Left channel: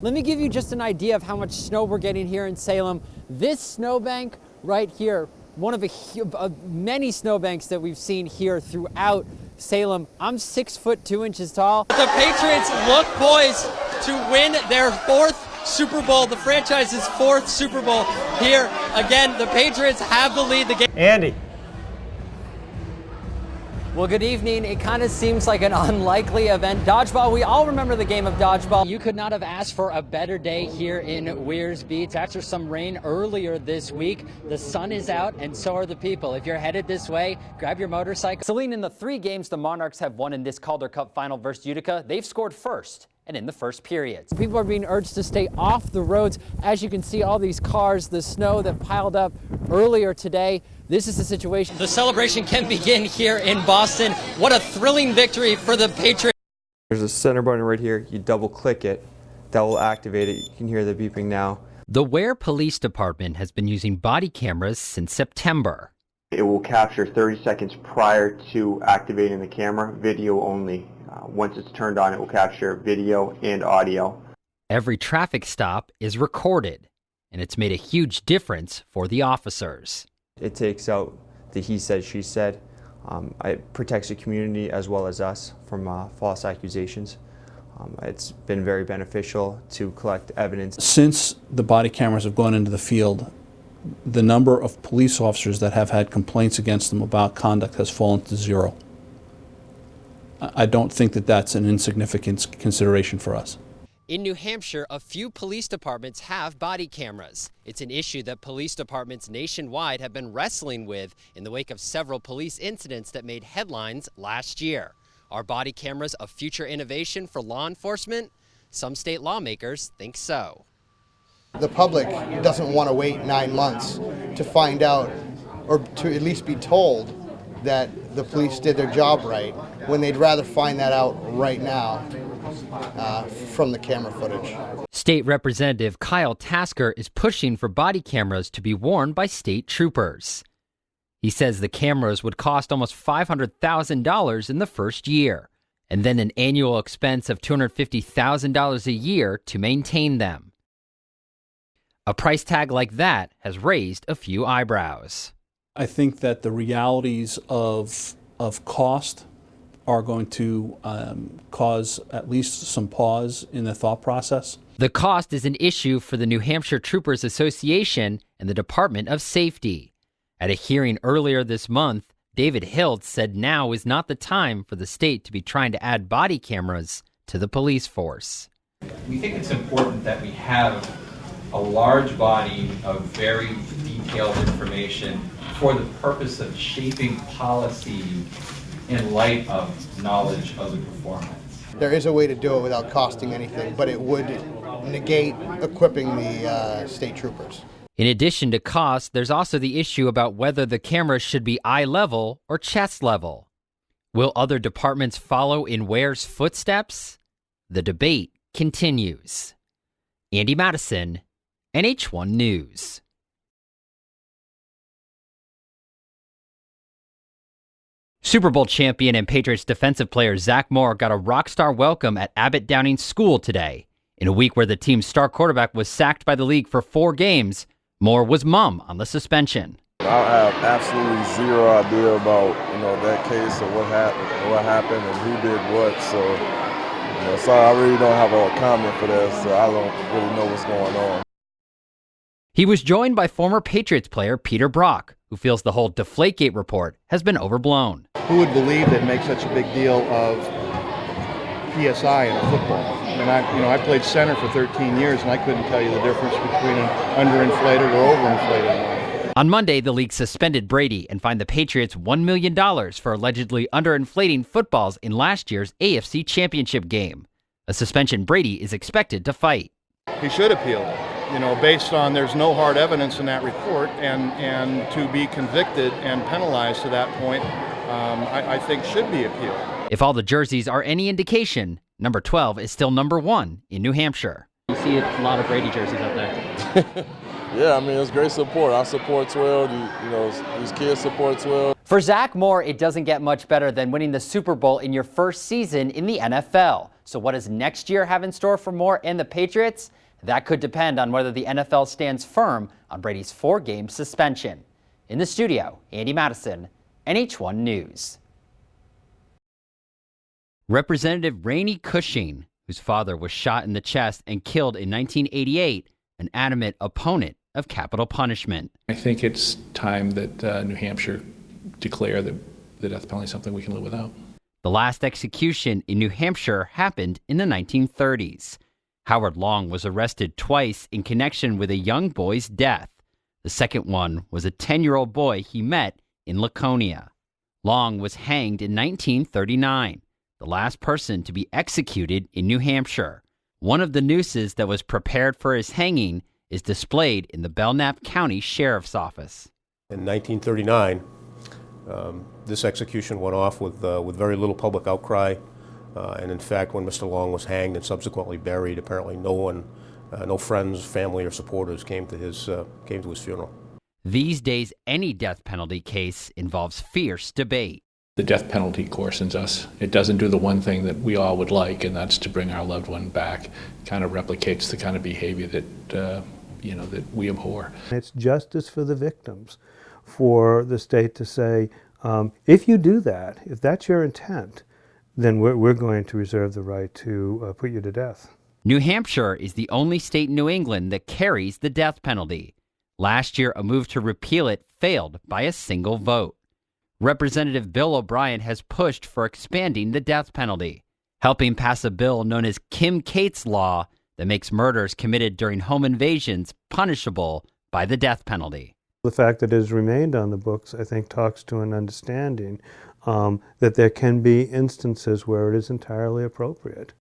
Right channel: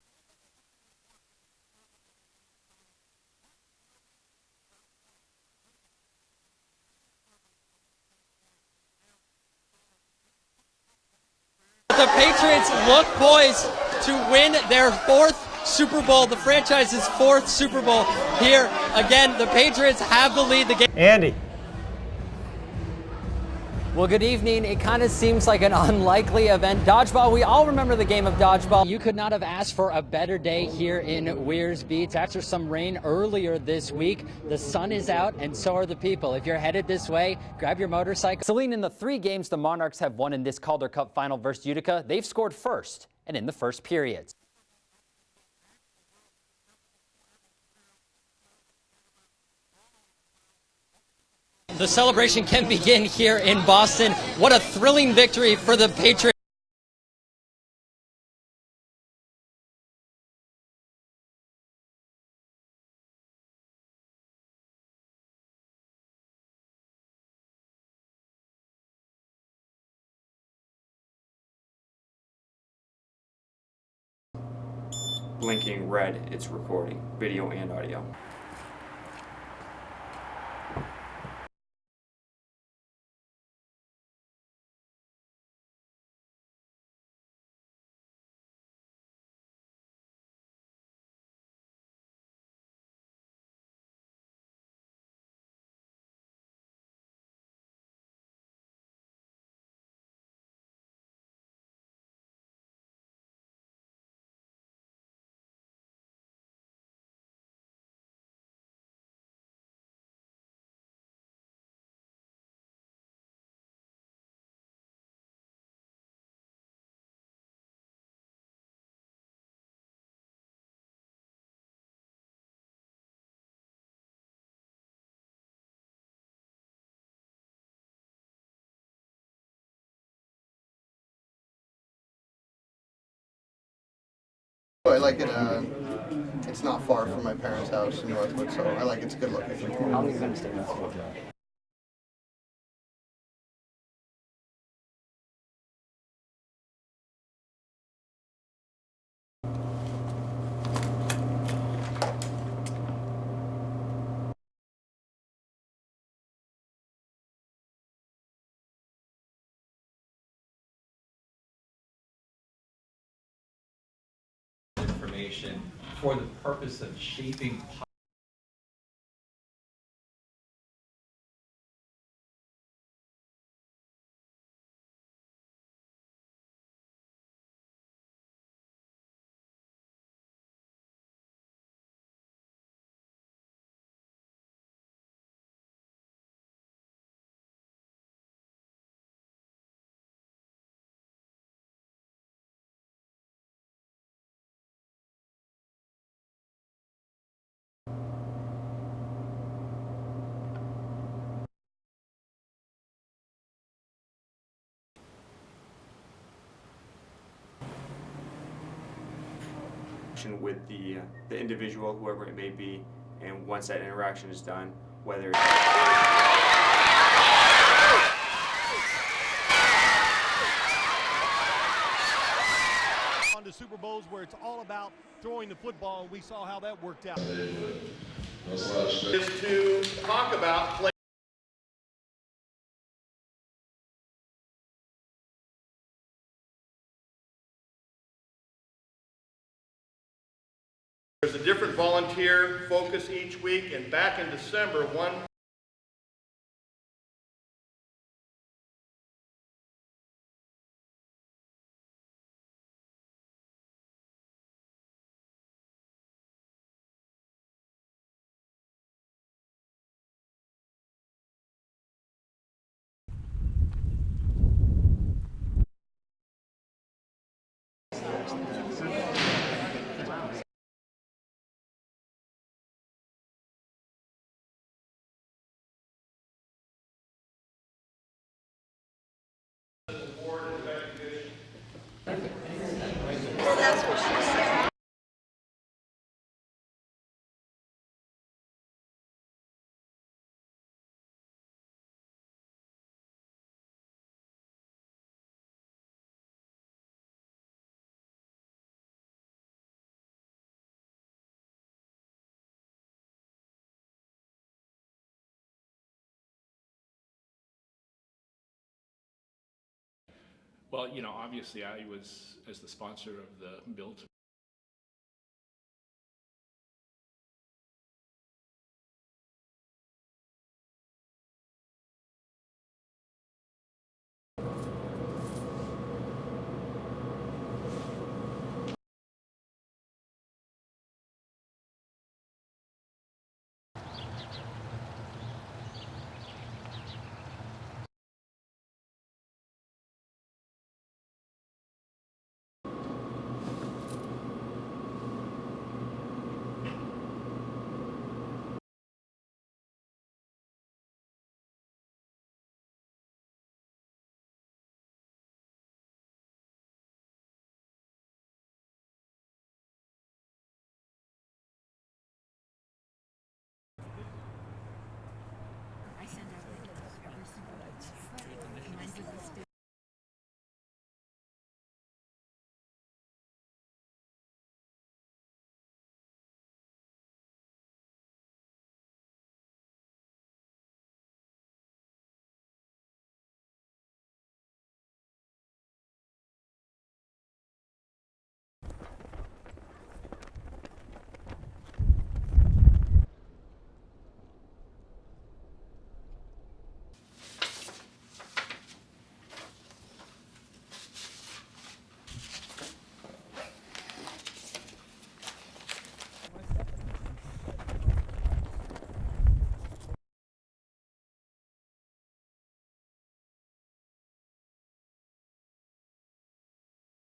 Let me give you just an idea of how much snow we're getting here in Salem. This snowbank right here, one of many snowbanks that we've seen here throughout Salem. I'm 6'2" tall. The Patriots look poised to win their fourth Super Bowl, the franchise's fourth Super Bowl here. Again, the Patriots have the lead. The game. Andy. Well, good evening. It kind of seems like an unlikely event. Dodgeball, we all remember the game of dodgeball. You could not have asked for a better day here in Weirs Beach. After some rain earlier this week, the sun is out and so are the people. If you're headed this way, grab your motorcycle. Celine, in the 3 games the Monarchs have won in this Calder Cup final versus Utica, they've scored first and in the first periods. People are being urged to stay off the roads. As you can see, all these cars, the snow that piled up earlier today. This is the situation. The celebration can begin here in Boston. What a thrilling victory for the Patriots. There's a center button right here. You double click it. That will activate it. You can hear the beeping now. The Ware Police Department has been using body cameras since September. It will capture 30 seconds prior to activating the camera, video only. Once it's turned on, it will capture video and audio. Every traffic stop is recorded, and it's made a huge difference for the officers. It takes out the he said, she said. It protects the community as well as us from false accusations. It's been very beneficial to collect evidence. Since the body cameras have gone into the field, the number of police officers that have had complaints against them about conduct has fallen to 0. I don't think that that's an insignificant consideration for us. In New Hampshire, a few police departments have body cameras. It's an issue that police departments nationwide have been wrestling with in the wake of several police incidents that made headlines last year. Are body cameras a future innovation for law enforcement? Some state lawmakers think so. The public doesn't want to wait 9 months to find out, or to at least be told that the police did their job right, when they'd rather find that out right now. From the camera footage. State Representative Kyle Tasker is pushing for body cameras to be worn by state troopers. He says the cameras would cost almost $500,000 in the first year, and then an annual expense of $250,000 a year to maintain them. A price tag like that has raised a few eyebrows. I think that the realities of cost are going to cause at least some pause in the thought process. The cost is an issue for the New Hampshire Troopers Association and the Department of Safety. At a hearing earlier this month, David Hilt said now is not the time for the state to be trying to add body cameras to the police force. We think it's important that we have a large body of very detailed information for the purpose of shaping policy in light of knowledge of the performance. There is a way to do it without costing anything, but it would negate equipping the state troopers. In addition to cost, there's also the issue about whether the cameras should be eye level or chest level. Will other departments follow in Ware's footsteps? The debate continues. Andy Madison, NH1 News. And once that interaction is done, whether Super Bowl champion and Patriots defensive player Zach Moore got a rock star welcome at Abbott Downing School today. In a week where the team's star quarterback was sacked by the league for 4 games, Moore was mum on the suspension. I have absolutely zero idea about that case or what happened and who did what. So I really don't have a comment for that. So I don't really know what's going on. There's a different volunteer. He was joined by former Patriots player Peter Brock, who feels the whole Deflategate report has been overblown. Who would believe they'd make such a big deal of PSI in a football? And I played center for 13 years, and I couldn't tell you the difference between an underinflated or overinflated one. On Monday, the league suspended Brady and fined the Patriots $1 million for allegedly underinflating footballs in last year's AFC Championship game, a suspension Brady is expected to fight. He should appeal it, based on there's no hard evidence in that report, and to be convicted and penalized to that point, I think should be appealed. If all the jerseys are any indication, number 12 is still number 1 in New Hampshire. You see a lot of Brady jerseys out there. Yeah, it's great support. I support 12. These kids support 12. For Zach Moore, it doesn't get much better than winning the Super Bowl in your first season in the NFL. So what does next year have in store for Moore and the Patriots? That could depend on whether the NFL stands firm on Brady's 4-game suspension. In the studio, Andy Madison, NH1 News. Representative Rainey Cushing, whose father was shot in the chest and killed in 1988, an adamant opponent of capital punishment. I think it's time that New Hampshire declare the death penalty something we can live without. The last execution in New Hampshire happened in the 1930s. Howard Long was arrested twice in connection with a young boy's death. The second one was a 10-year-old boy he met in Laconia. Long was hanged in 1939, the last person to be executed in New Hampshire. One of the nooses that was prepared for his hanging is displayed in the Belknap County Sheriff's Office. In 1939, this execution went off with very little public outcry. And in fact, when Mr. Long was hanged and subsequently buried, apparently no friends, family, or supporters came to his funeral. These days, any death penalty case involves fierce debate. The death penalty coarsens us. It doesn't do the one thing that we all would like, and that's to bring our loved one back. It kind of replicates the kind of behavior that that we abhor. It's justice for the victims, for the state to say, if you do that, if that's your intent, then we're going to reserve the right to put you to death. New Hampshire is the only state in New England that carries the death penalty. Last year, a move to repeal it failed by a single vote. Representative Bill O'Brien has pushed for expanding the death penalty, helping pass a bill known as Kim Cates Law that makes murders committed during home invasions punishable by the death penalty. The fact that it has remained on the books, I think, talks to an understanding that there can be instances where it is entirely appropriate